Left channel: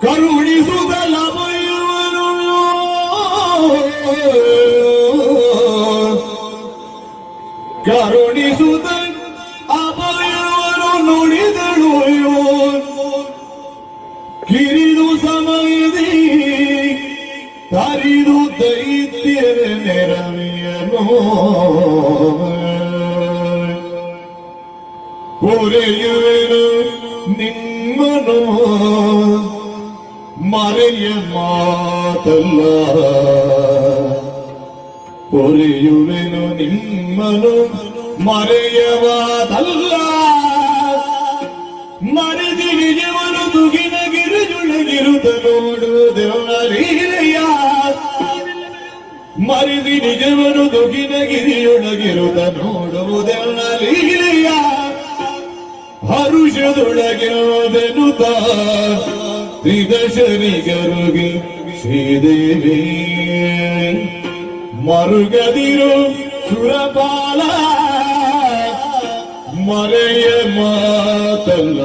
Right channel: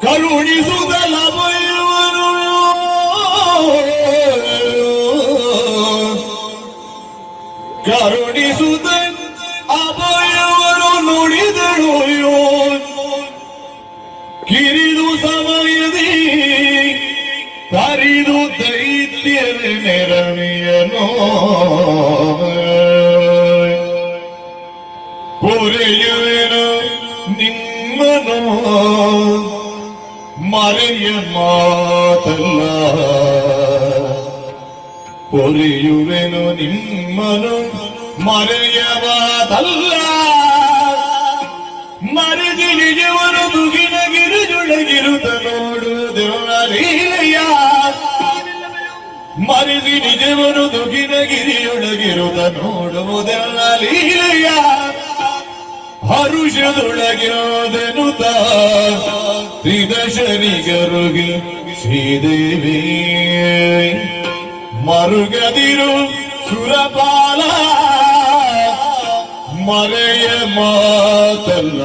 ಕರುಣಿಸುಗಲ ಬೈವನು ಕರುಣಿಸುತ್ತ ಅಭಯವರು ನುಡಿದಳು ಕಿರಿದು ಸಮಯದಿ ತರಿದು ದೈತ್ಯರ ನೆರವೆಯನೋ ಪೊರೆಯುವೆನು ನಿಮ್ಮನು ಮರೆಯ ಮಾತಲ್ಲ ಪೊರೆಯುವೆನು ನಿಮ್ಮನು ಮರೆಯ ಮಾತಲ್ಲ ಮರೆದಿ ನಿಜವನು ದುಗಿನ ಗಿರಿಜುಳಗಿರುತ್ತ ನೋಡು ದೇವಲೀಲೆಯ ಮರೆದಿ ನಿಜವನು ದುಗಿನ ಗಿರಿಯೊಳಗಿರುತ್ತ ನೋಡುವುದೆಲ್ಲ ಲೀಲೆಯ ಹರುಷದೊಳಗಿರೋದನುತ ತ್ರಿದಶನಿಗರುಗೆ ಶ್ರೀದೇವಿ ಮರುಗದಿರು ಸುರಪಾಲ ಮರೆಯ ಮಾತಲ್ಲ